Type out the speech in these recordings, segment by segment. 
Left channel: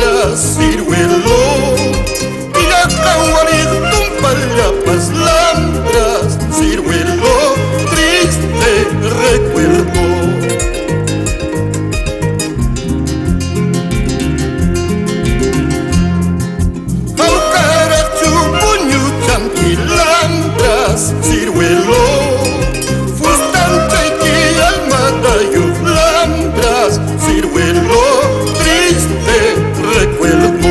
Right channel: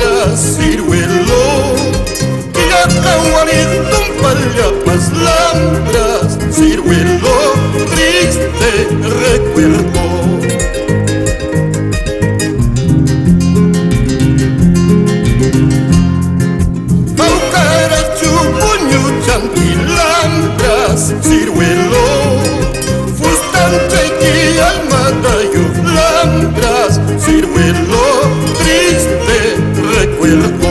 lambras, ciruelo, Quillacawari, tumpallapas, lambras, ciruelo, triste recuerdo. Lambras, ciruelo, fustante y alma de lambras, ciruelo, triste recuerdo.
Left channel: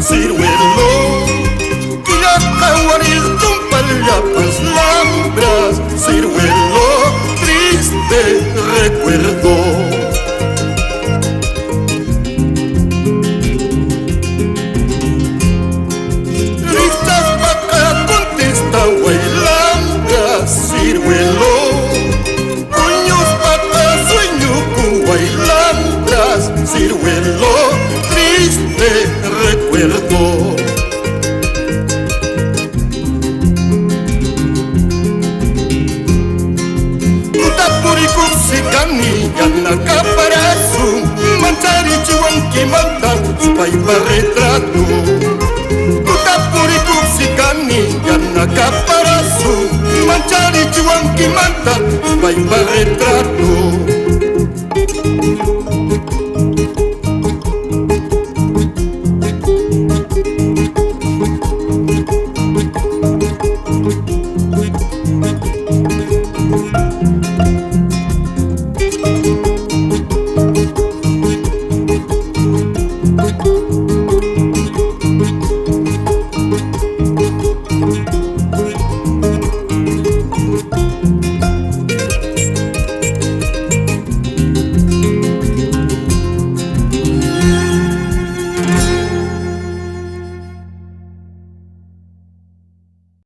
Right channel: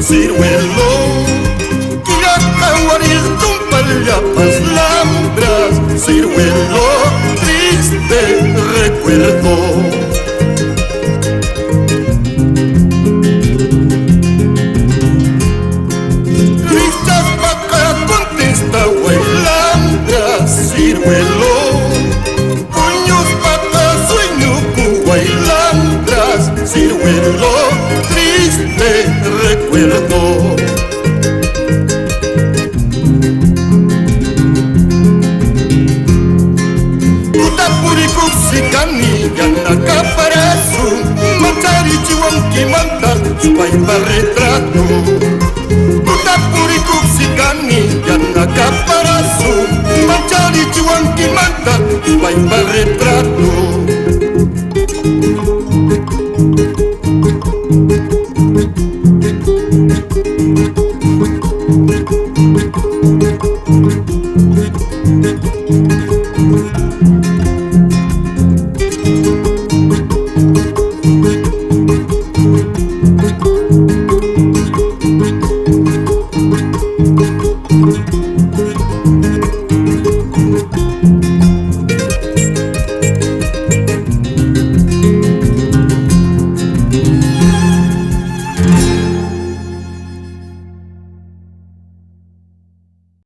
Ciruelo, Quillacawari, tumpallapas, lambras, ciruelo, triste recuerdo. Listas paca contesta, lambras, ciruelo, puños paca, sueño, lambras, ciruelo, triste recuerdo. Utapuriku sikani yana kaparasu, mantari chiwanki manta spaiba retrato. Utapuriku sikani yana kaparasu, mantari chiwanki manta spaiba retrato.